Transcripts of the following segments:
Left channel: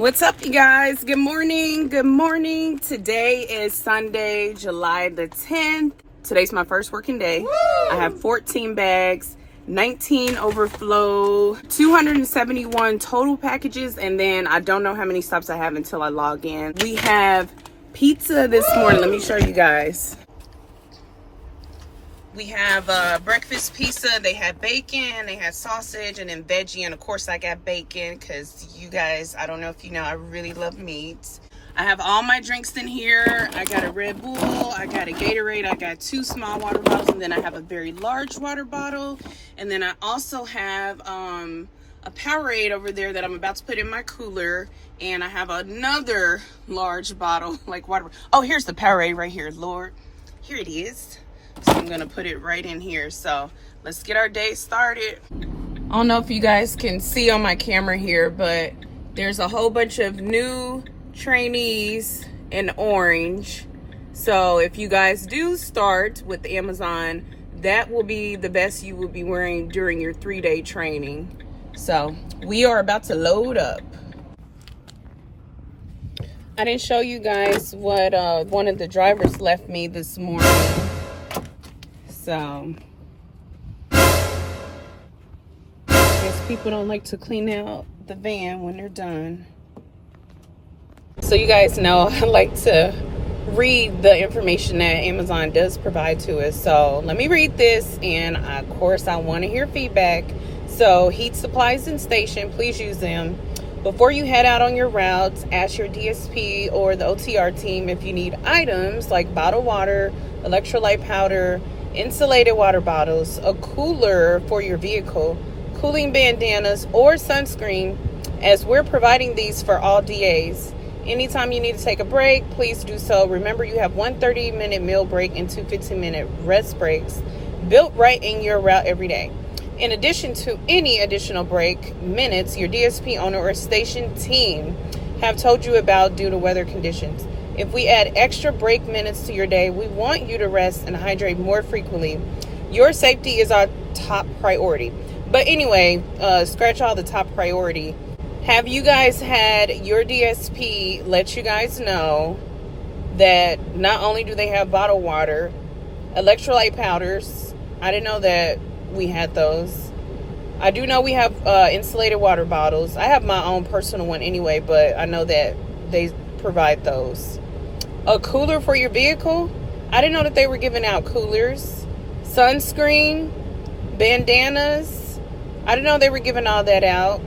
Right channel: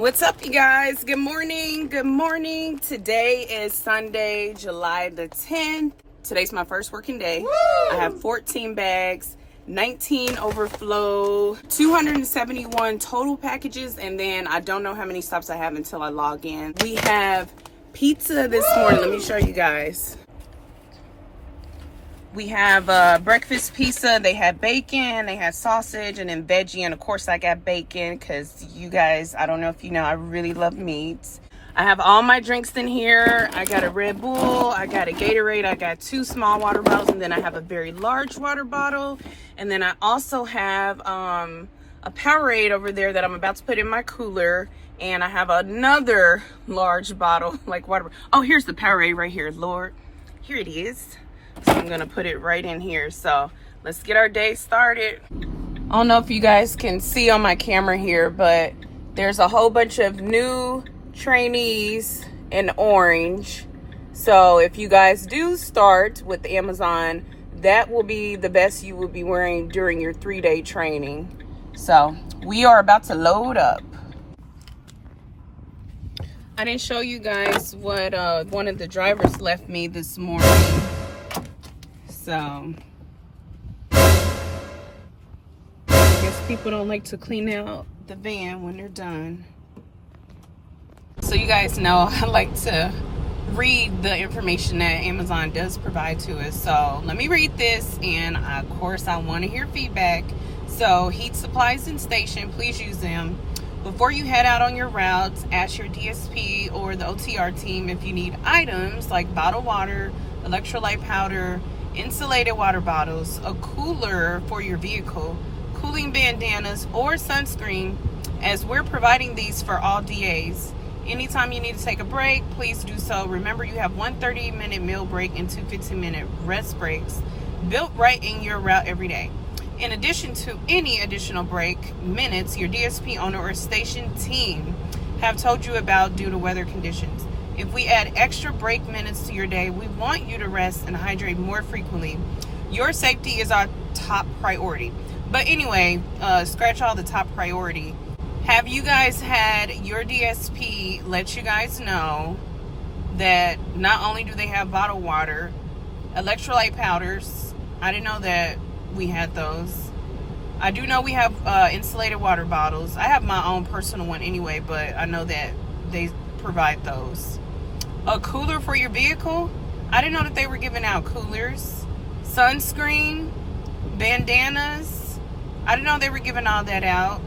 What's up, you guys? Good morning. Good morning. Today is Sunday, July the 10th. Today's my first working day. Woo! I have 14 bags, 19 overflow, 271 total packages, and then I don't know how many stops I have until I log in. We have pizza this morning. Let me show you guys. We have breakfast pizza. They had bacon, they had sausage, and then veggie. And of course I got bacon because you guys, I don't know if you know, I really love meats. I have all my drinks in here. I got a Red Bull, I got a Gatorade, I got 2 small water bottles, and then I have a very large water bottle. And then I also have a Powerade over there that I'm about to put in my cooler. And I have another large bottle, like water. Oh, here's the Powerade right here, Lord. Here it is. So I'm gonna put it right in here. So let's get our day started. I don't know if you guys can see on my camera here, but there's a whole bunch of new trainees in orange. So if you guys do start with Amazon, that will be the best you will be wearing during your 3-day training. So we are about to load up. I didn't show you guys what one of the drivers left me this morning. So I guess people don't like to clean out the van when they're done. So you guys know I like to read the information that Amazon does provide to us. So let me read this, and of course I want to hear feedback. So heat supplies and station, please use them. Before you head out on your routes, ask your DSP or the OTR team if you need items like bottled water, electrolyte powder, insulated water bottles, a cooler for your vehicle, cooling bandanas, or sunscreen, as we're providing these for all DAs. Anytime you need to take a break, please do so. Remember, you have 1 30-minute meal break and 2 15-minute rest breaks built right in your route every day. In addition to any additional break minutes your DSP owner or station team have told you about due to weather conditions. If we add extra break minutes to your day, we want you to rest and hydrate more frequently. Your safety is our top priority. But anyway, scratch all the top priority. Have you guys had your DSP let you guys know that not only do they have bottled water, electrolyte powders? I didn't know that we had those. I do know we have insulated water bottles. I have my own personal one anyway, but I know that they provide those. A cooler for your vehicle. I didn't know that they were giving out coolers. Sunscreen, bandanas. I didn't know they were giving all that out,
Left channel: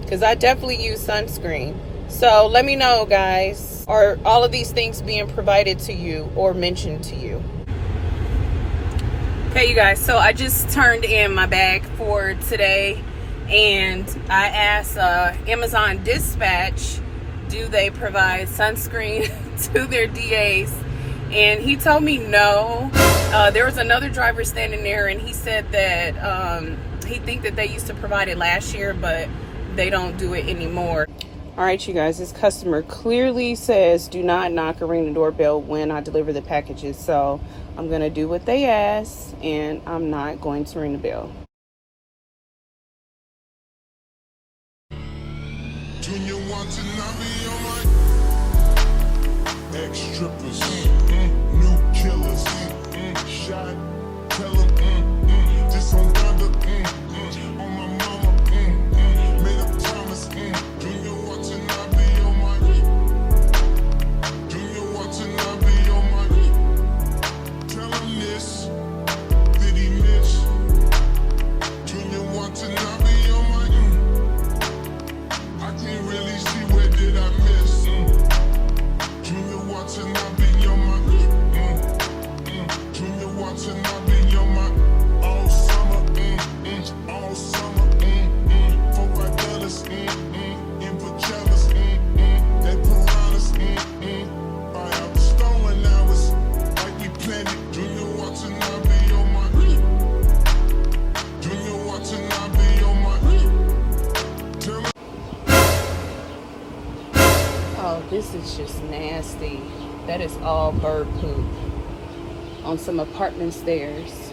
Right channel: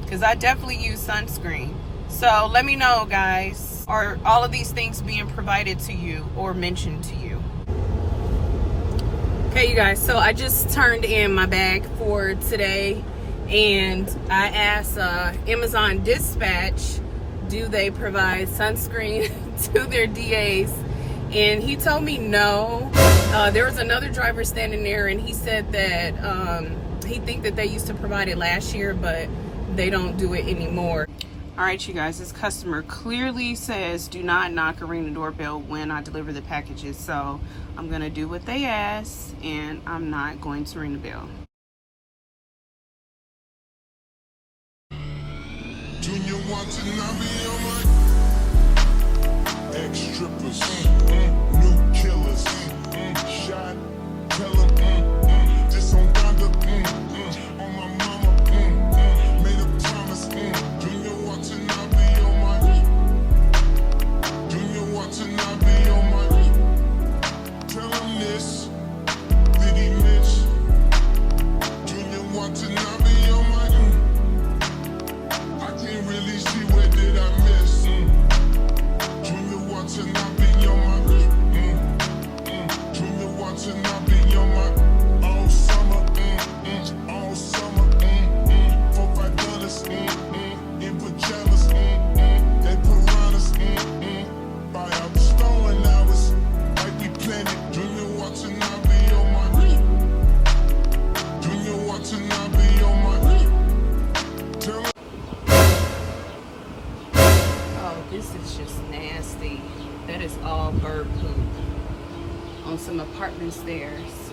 because I definitely use sunscreen. So let me know, guys, are all of these things being provided to you or mentioned to you? Okay, you guys, so I just turned in my bag for today, and I asked Amazon Dispatch, do they provide sunscreen to their DAs? And he told me no. There was another driver standing there, and he said that he think that they used to provide it last year, but they don't do it anymore. All right, you guys, this customer clearly says do not knock or ring the doorbell when I deliver the packages. So I'm gonna do what they ask, and I'm not going to ring the bell. Junior want to not be on my ex-strippers, new killers, shot, tell them, just on Donda, on my mama, made a promise, Junior want to not be on my, Junior want to not be on my, tell him this, did he miss, Junior want to not be on my, I can't really see where did I miss, Junior want to not be on my, Junior want to not be on my, all summer, all summer, $4-5, in pajamas, they piranhas, buy out the stolen hours, like we planned it. Junior want to not be on my, Junior want to not be on my, tell me. Oh, this is just nasty. That is all bird poop on some apartment stairs.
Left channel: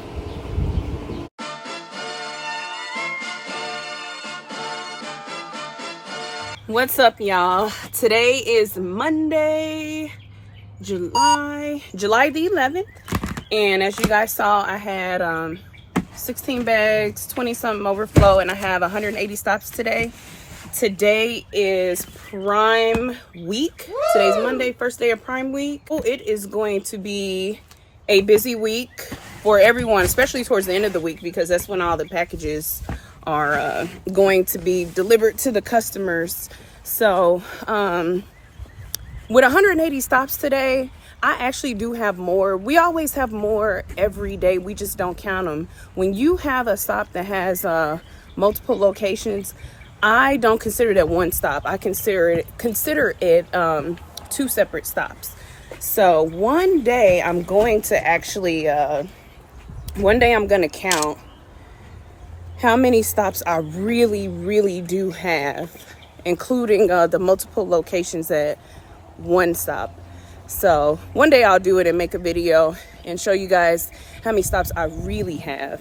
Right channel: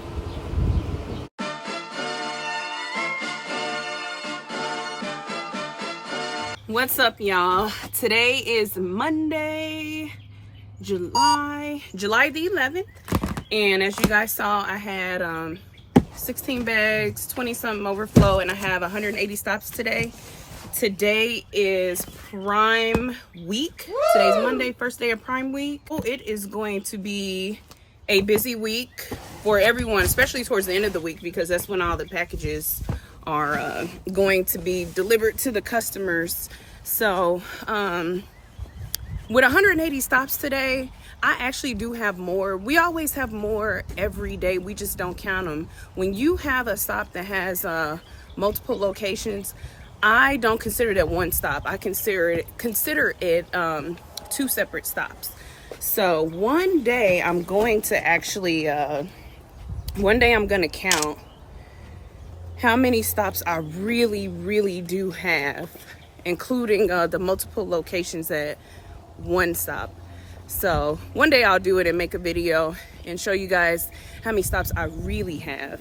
What's up, y'all? Today is Monday, July the 11th, and as you guys saw, I had 16 bags, 20 something overflow, and I have 180 stops today. Today is Prime Week. Woo! Today's Monday, first day of Prime Week. It is going to be a busy week for everyone, especially towards the end of the week, because that's when all the packages are going to be delivered to the customers. So with 180 stops today, I actually do have more. We always have more every day. We just don't count them. When you have a stop that has multiple locations, I don't consider that one stop. I consider it two separate stops. So one day I'm going to actually count how many stops I really do have, including the multiple locations at one stop. So one day I'll do it and make a video and show you guys how many stops I really have.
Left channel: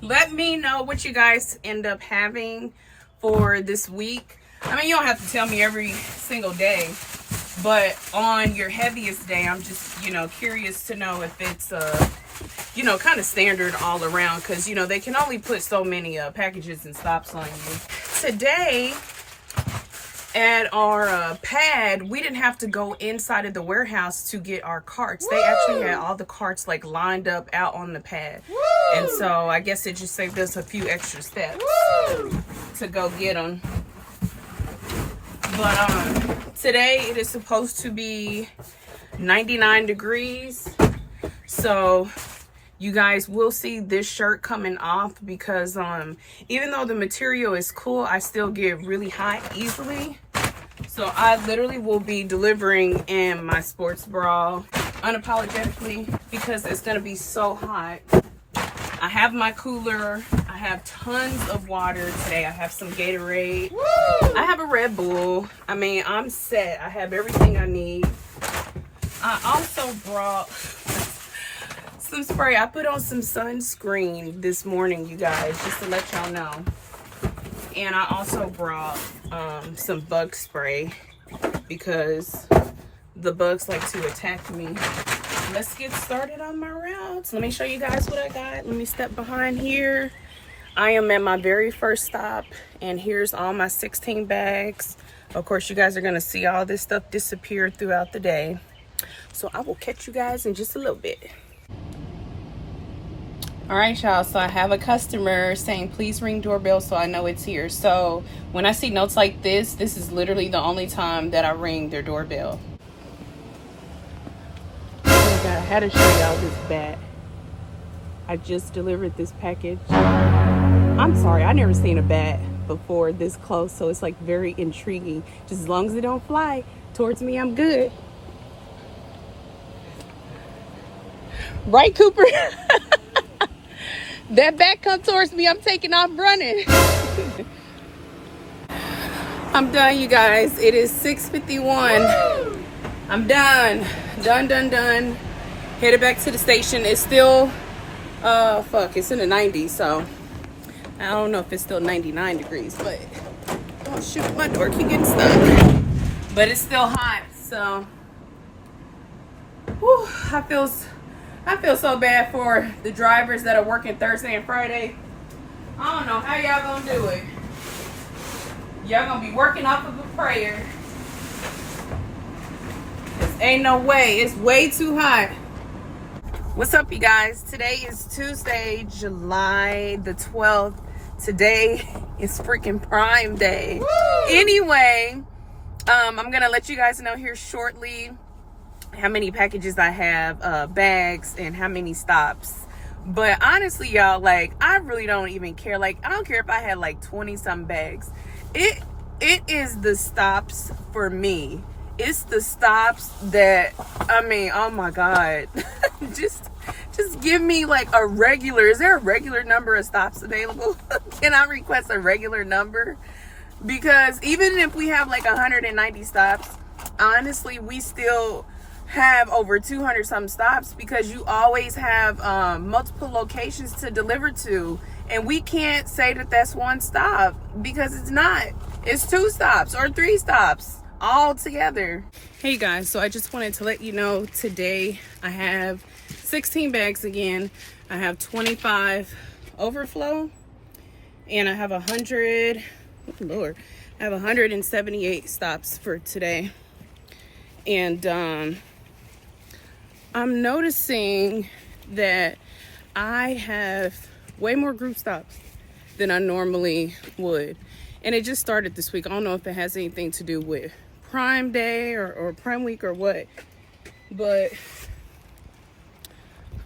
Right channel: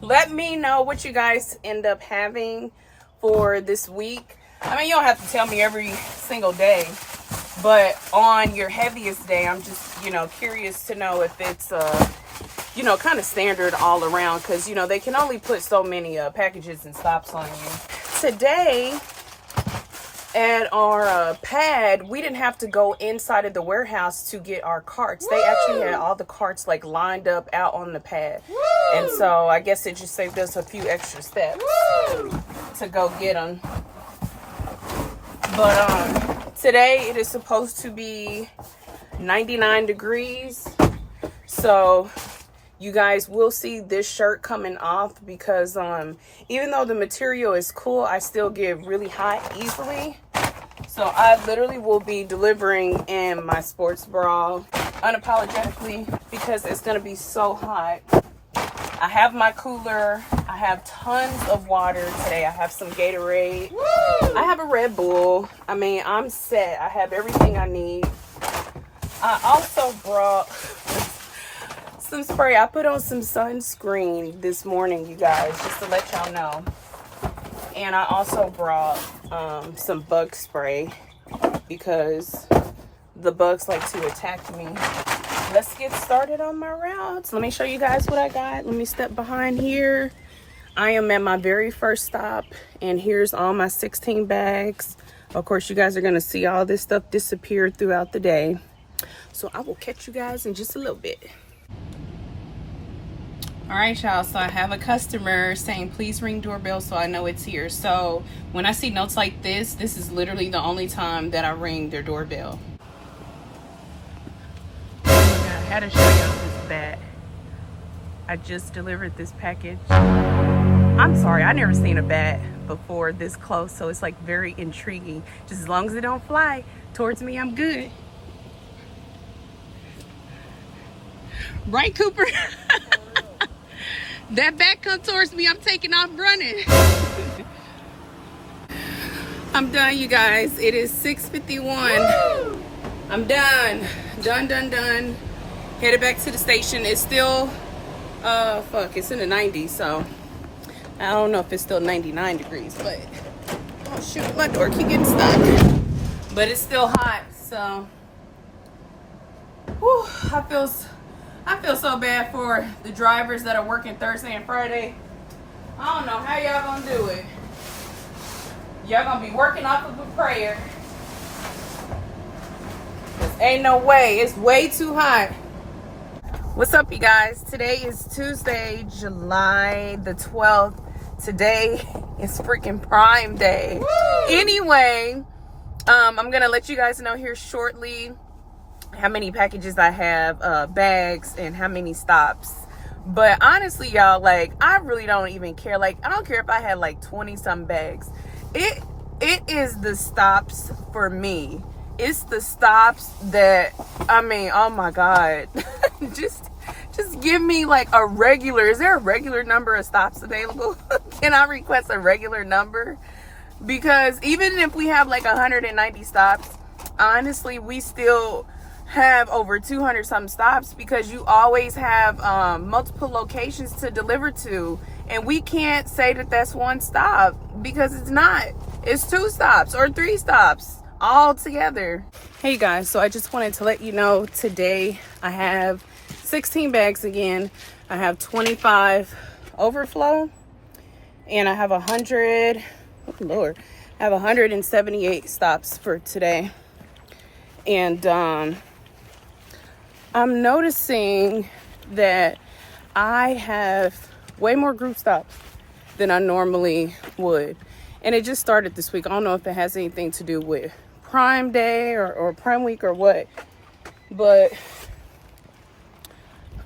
Let me know what you guys end up having for this week. I mean, you don't have to tell me every single day, but on your heaviest day, I'm just, curious to know if it's, kind of standard all around, because, they can only put so many packages and stops on you. Today, at our pad, we didn't have to go inside of the warehouse to get our carts. Woo! They actually had all the carts lined up out on the pad. Woo! And so I guess it just saved us a few extra steps. Woo! To go get them. But today it is supposed to be 99 degrees. So you guys will see this shirt coming off, because even though the material is cool, I still get really hot easily. So I literally will be delivering in my sports bra unapologetically, because it's going to be so hot. I have my cooler. I have tons of water today. I have some Gatorade. Woo! I have a Red Bull. I mean, I'm set. I have everything I need. I also brought some spray. I put on some sunscreen this morning, you guys, just to let y'all know. And I also brought some bug spray, because the bugs like to attack me. Let's get started on my routes. Let me show you guys what I got. Let me step behind here. I am at my very first stop, and here's all my 16 bags. Of course, you guys are going to see all this stuff disappear throughout the day. So I will catch you guys in just a little bit. All right, y'all, so I have a customer saying please ring doorbell, so I know it's here. So when I see notes like this is literally the only time that I ring their doorbell. Oh my God, I had to show y'all this bat. I just delivered this package. I'm sorry, I never seen a bat before this close, so it's very intriguing. Just as long as it don't fly towards me, I'm good. Right, Cooper? That bat come towards me, I'm taking off running. I'm done, you guys. It is 6:51. Woo! I'm done. Done. Headed back to the station. It's still, it's in the 90s, so I don't know if it's still 99 degrees, but, oh shoot, my door keep getting stuck. But it's still hot, so, whew, I feel so bad for the drivers that are working Thursday and Friday. I don't know how y'all gonna do it. Y'all gonna be working off of a prayer. Ain't no way. It's way too hot. What's up, you guys? Today is Tuesday, July the 12th. Today is freaking Prime Day. Woo! Anyway, I'm gonna let you guys know here shortly how many packages I have, bags, and how many stops. But honestly, y'all, I really don't even care. I don't care if I had 20 some bags. It is the stops for me. It's the stops that, I mean, oh my God. just give me a regular, is there a regular number of stops available? Can I request a regular number? Because even if we have 190 stops, honestly, we still have over 200 some stops, because you always have multiple locations to deliver to, and we can't say that that's one stop, because it's not. It's 2 stops or 3 stops all together. Hey guys, so I just wanted to let you know today I have 16 bags again. I have 25 overflow and I have 100, oh Lord, I have 178 stops for today. And I'm noticing that I have way more group stops than I normally would. And it just started this week. I don't know if it has anything to do with Prime Day or Prime Week or what, but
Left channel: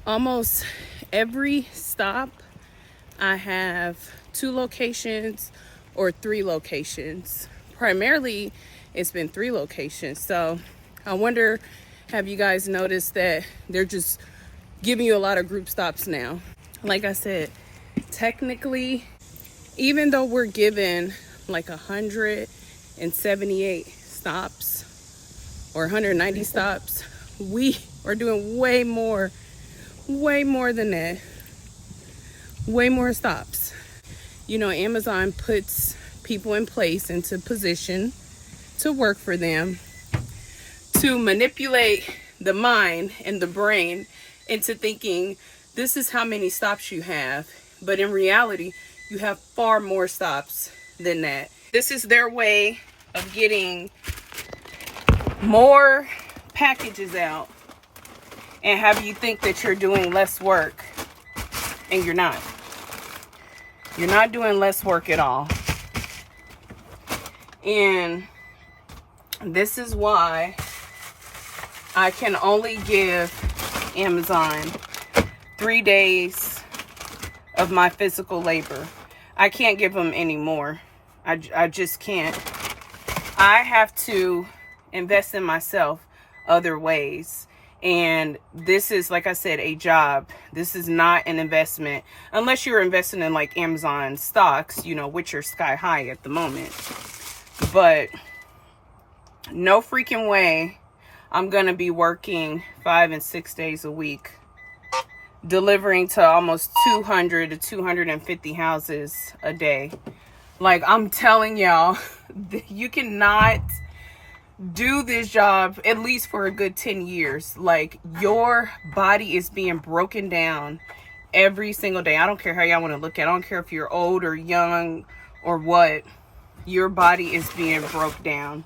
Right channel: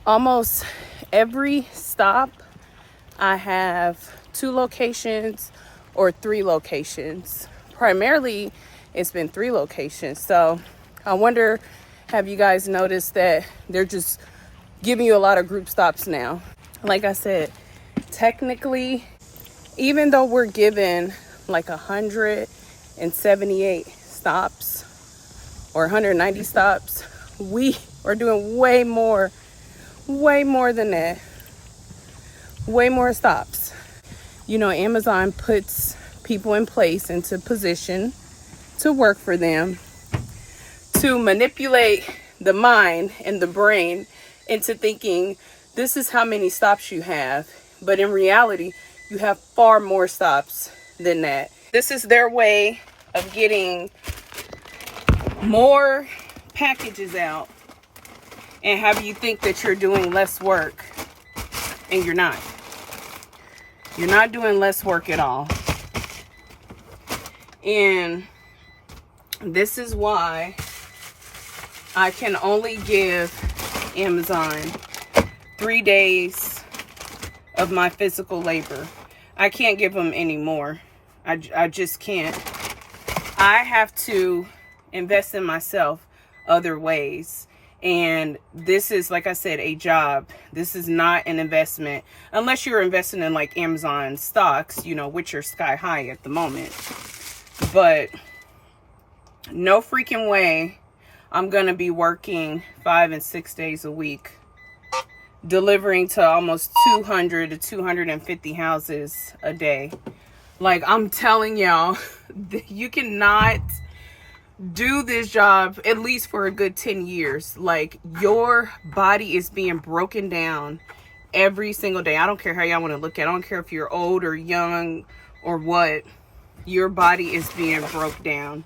almost every stop I have 2 locations or 3 locations. Primarily it's been 3 locations. So I wonder, have you guys noticed that they're just giving you a lot of group stops now? Like I said, technically, even though we're given like 178 stops or 190 stops, we are doing way more than that. Way more stops. You know, Amazon puts people in place into position to work for them, to manipulate the mind and the brain into thinking this is how many stops you have. But in reality, you have far more stops than that. This is their way of getting more packages out and have you think that you're doing less work, and you're not. You're not doing less work at all. And this is why I can only give Amazon 3 days of my physical labor. I can't give them any more. I just can't. I have to invest in myself other ways. And this is, like I said, a job. This is not an investment. Unless you're investing in like Amazon stocks, you know, which are sky high at the moment. But no freaking way I'm going to be working 5 and 6 days a week, delivering to almost 200 to 250 houses a day. Like, I'm telling y'all, you cannot do this job at least for a good 10 years. Like, your body is being broken down every single day. I don't care how y'all want to look at it. I don't care if you're old or young or what. Your body is being broke down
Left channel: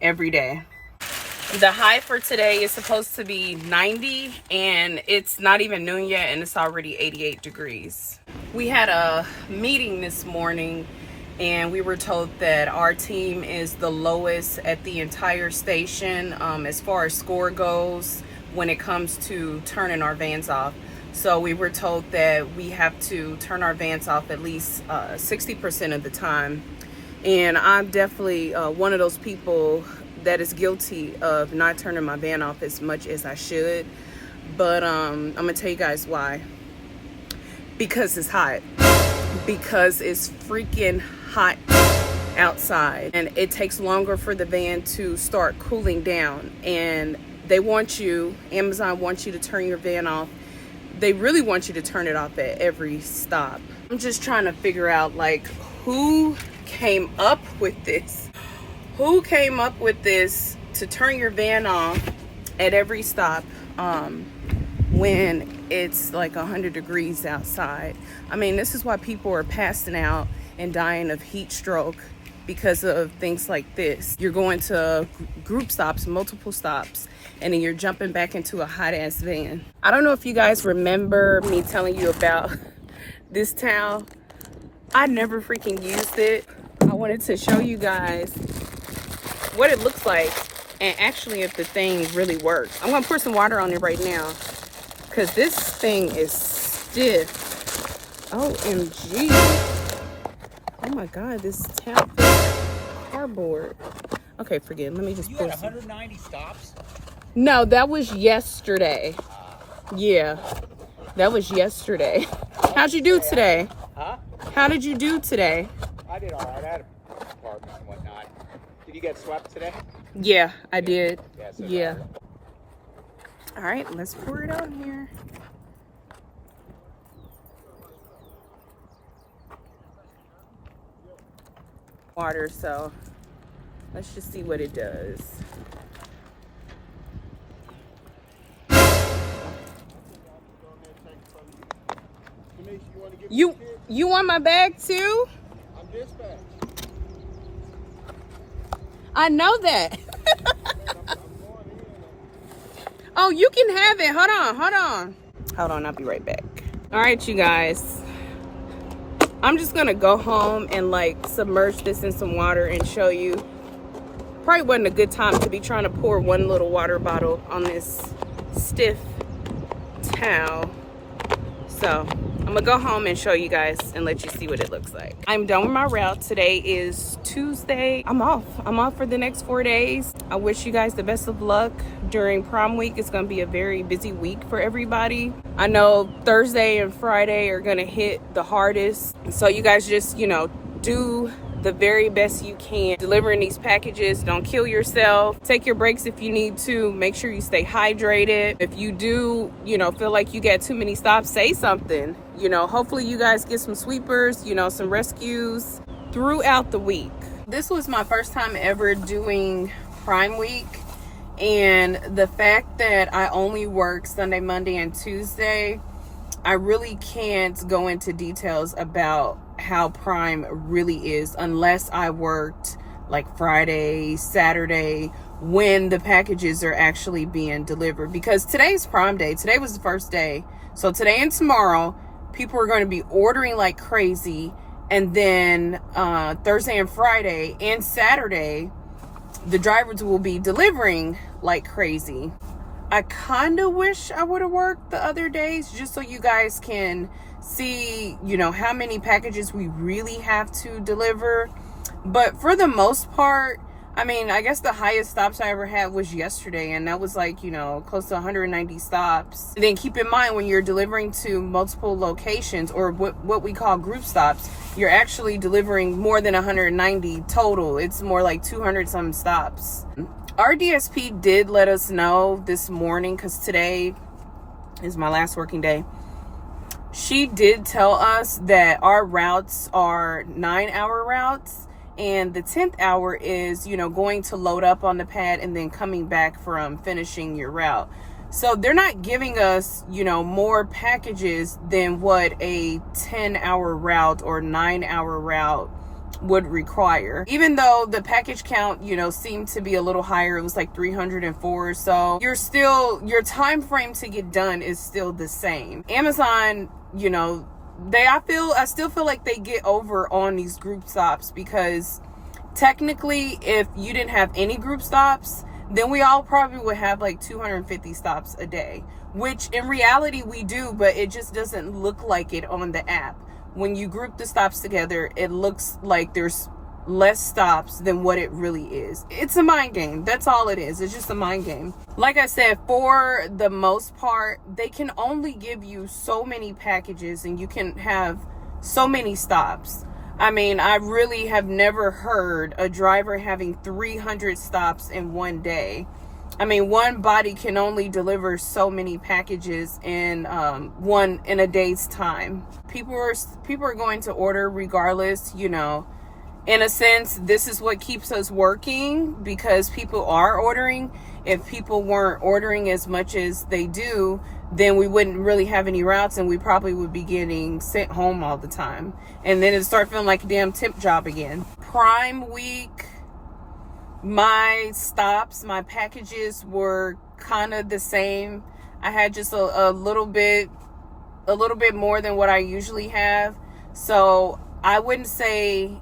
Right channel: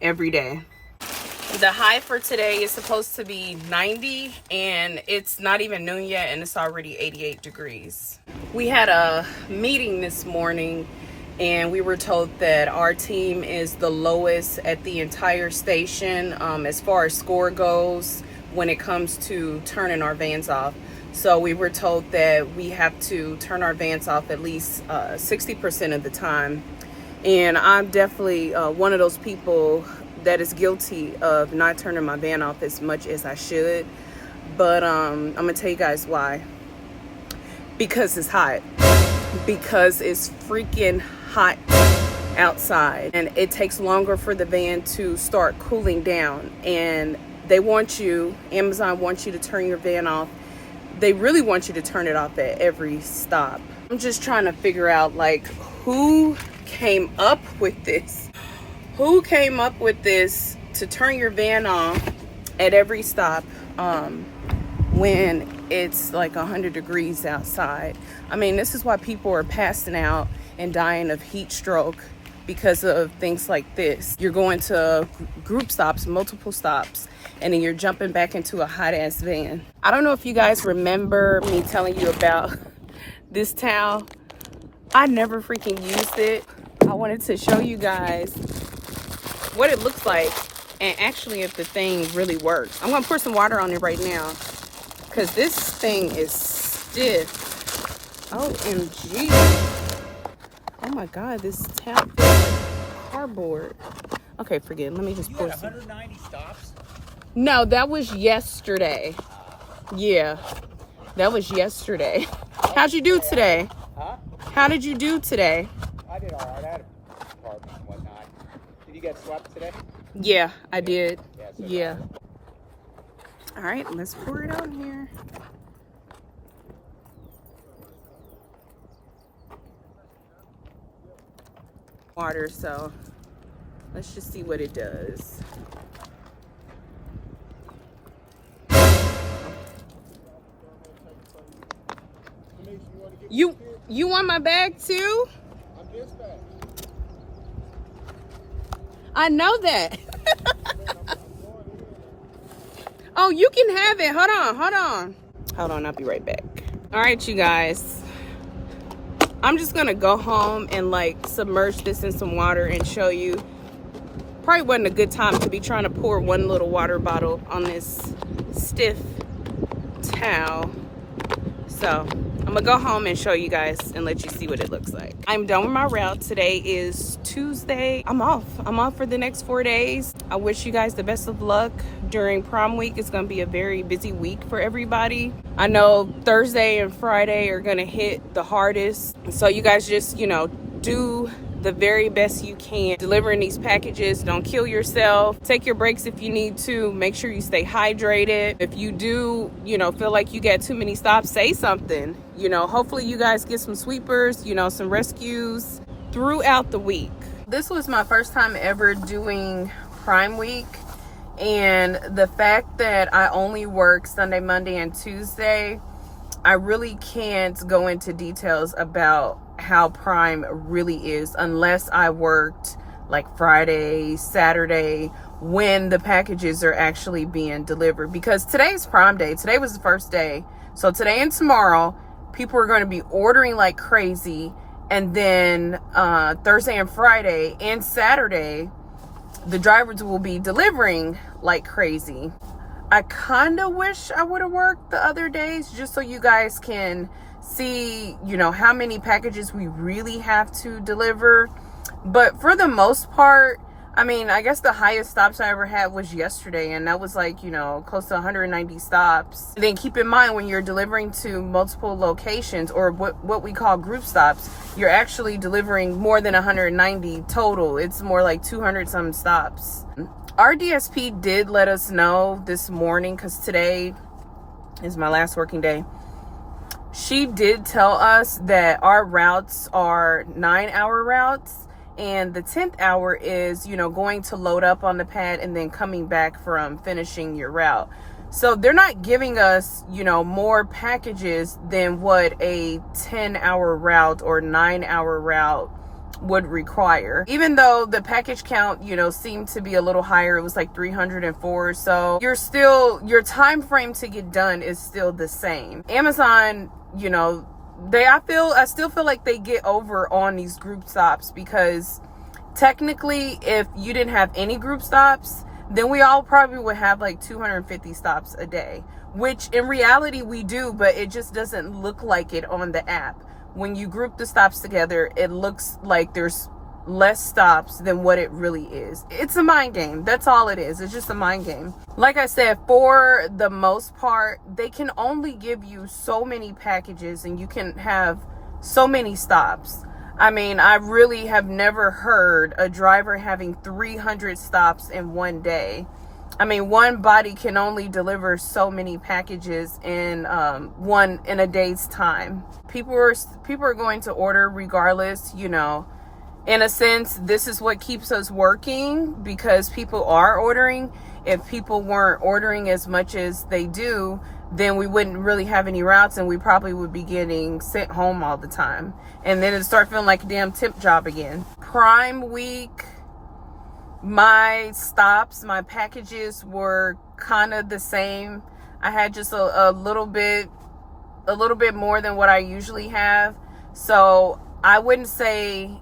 every day. The high for today is supposed to be 90 and it's not even noon yet and it's already 88 degrees. We had a meeting this morning and we were told that our team is the lowest at the entire station as far as score goes when it comes to turning our vans off. So we were told that we have to turn our vans off at least 60% of the time. And I'm definitely one of those people that is guilty of not turning my van off as much as I should. But I'm gonna tell you guys why. Because it's hot. Because it's freaking hot outside. And it takes longer for the van to start cooling down. And they want you, Amazon wants you to turn your van off. They really want you to turn it off at every stop. I'm just trying to figure out, like, who came up with this? Who came up with this to turn your van off at every stop when it's like 100 degrees outside? I mean, this is why people are passing out and dying of heat stroke because of things like this. You're going to group stops, multiple stops, and then you're jumping back into a hot ass van. I don't know if you guys remember me telling you about this towel. I never freaking used it. I wanted to show you guys what it looks like and actually if the thing really works. I'm gonna pour some water on it right now because this thing is stiff. OMG. Oh my God, this towel feels like cardboard. Okay, forget it. Let me just pour some. 190 stops? No, that was yesterday. Yeah, that was yesterday. How'd you do today? Huh? How did you do today? I did all right. I had a apartment and whatnot. Did you get swept today? Yeah, I did. Yeah. All right, let's pour it on here. water, so let's just see what it does. You want my bag too? I know that. Oh, you can have it. Hold on, I'll be right back. All right, you guys. I'm just gonna go home and like submerge this in some water and show you. Probably wasn't a good time to be trying to pour one little water bottle on this stiff towel. So I'm gonna go home and show you guys and let you see what it looks like. I'm done with my route. Today is Tuesday. I'm off for the next 4 days. I wish you guys the best of luck during prom week. It's gonna be a very busy week for everybody. I know Thursday and Friday are gonna hit the hardest. So you guys just, do the very best you can delivering these packages. Don't kill yourself. Take your breaks if you need to. Make sure you stay hydrated. If you do, feel like you get too many stops, say something. Hopefully you guys get some sweepers, some rescues throughout the week. This was my first time ever doing Prime Week, and the fact that I only work Sunday, Monday, and Tuesday, I really can't go into details about how Prime really is unless I worked like Friday, Saturday, when the packages are actually being delivered. Because today's Prime Day. Today was the first day. So today and tomorrow, people are going to be ordering like crazy. And then Thursday and Friday and Saturday, the drivers will be delivering like crazy. I kind of wish I would have worked the other days just so you guys can see, how many packages we really have to deliver. But for the most part, I guess the highest stops I ever had was yesterday, and that was like, close to 190 stops. And then keep in mind, when you're delivering to multiple locations, or what we call group stops, you're actually delivering more than 190 total. It's more like 200 some stops. Our DSP did let us know this morning, because today is my last working day. She did tell us that our routes are 9-hour routes, and the 10th hour is, going to load up on the pad and then coming back from finishing your route. So they're not giving us, more packages than what a 10-hour route or 9-hour route would require. Even though the package count, seemed to be a little higher, it was like 304. So your time frame to get done is still the same. Amazon, I still feel like they get over on these group stops, because technically if you didn't have any group stops, then we all probably would have like 250 stops a day, which in reality we do, but it just doesn't look like it on the app. When you group the stops together, it looks like there's less stops than what it really is. It's a mind game. That's all it is. It's just a mind game. Like I said, for the most part, they can only give you so many packages and you can have so many stops. I really have never heard a driver having 300 stops in one day. One body can only deliver so many packages in a day's time. People are going to order regardless, In a sense, this is what keeps us working, because people are ordering. If people weren't ordering as much as they do, then we wouldn't really have any routes, and we probably would be getting sent home all the time. And then it'd start feeling like a damn temp job again. Prime Week, my stops, my packages were kind of the same. I had just a little bit more than what I usually have. So I wouldn't say,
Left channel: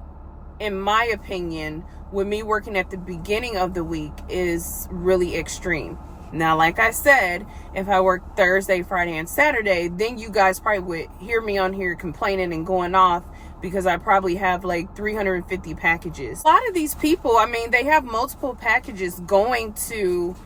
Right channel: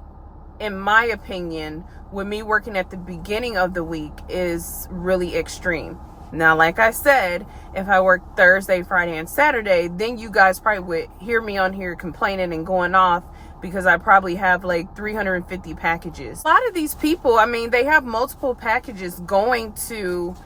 in my opinion, with me working at the beginning of the week is really extreme. Now, like I said, if I work Thursday, Friday, and Saturday, then you guys probably would hear me on here complaining and going off, because I probably have like 350 packages. A lot of these people, they have multiple packages going to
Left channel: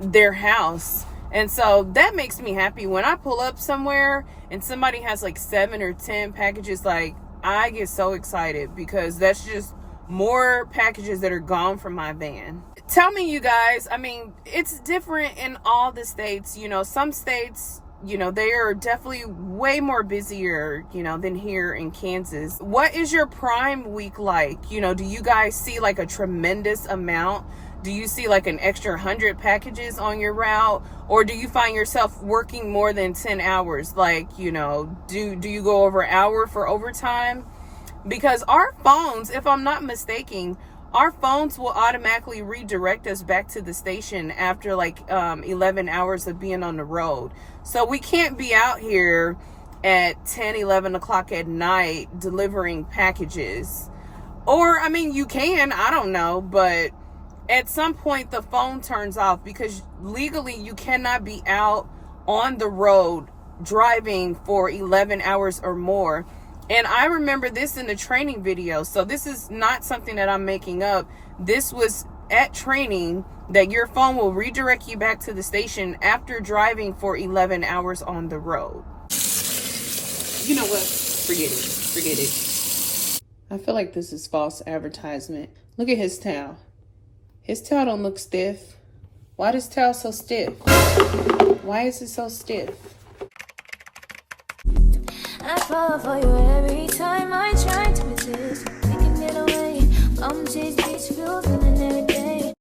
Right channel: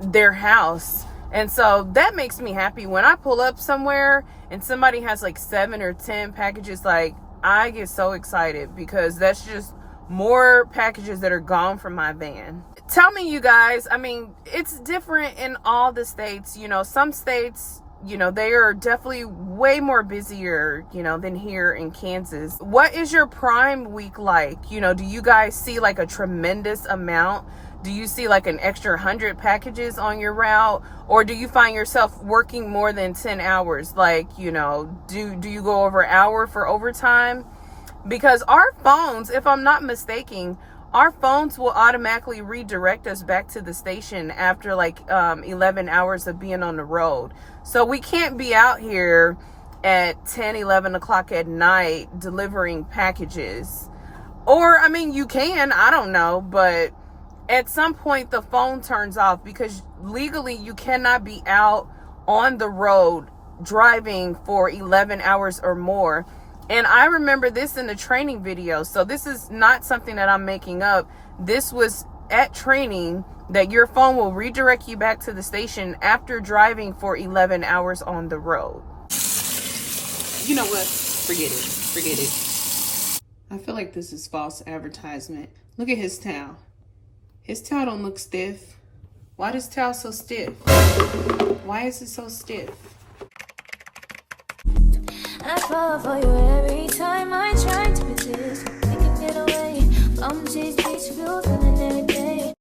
their house. And so that makes me happy. When I pull up somewhere and somebody has like 7 or 10 packages, like, I get so excited, because that's just more packages that are gone from my van. Tell me, you guys, it's different in all the states. Some states you know, they are definitely way more busier, you know, than here in Kansas. What is your Prime week like? You know, do you guys see like a tremendous amount? Do you see like an extra 100 packages on your route? Or do you find yourself working more than 10 hours? Like, you know, do you go over an hour for overtime? Because our phones, if I'm not mistaken, our phones will automatically redirect us back to the station after like 11 hours of being on the road. So we can't be out here at 10, 11 o'clock at night delivering packages. Or, I mean, you can, I don't know, but at some point the phone turns off, because legally you cannot be out on the road driving for 11 hours or more. And I remember this in the training video. So this is not something that I'm making up. This was at training, that your phone will redirect you back to the station after driving for 11 hours on the road. You know what? Forget it. Forget it. I feel like this is false advertisement. Look at his towel. His towel don't look stiff. Why is his towel so stiff? Why is it so stiff? I fall for you every time I try to resist. Taking it away. Come chase these feels and every day.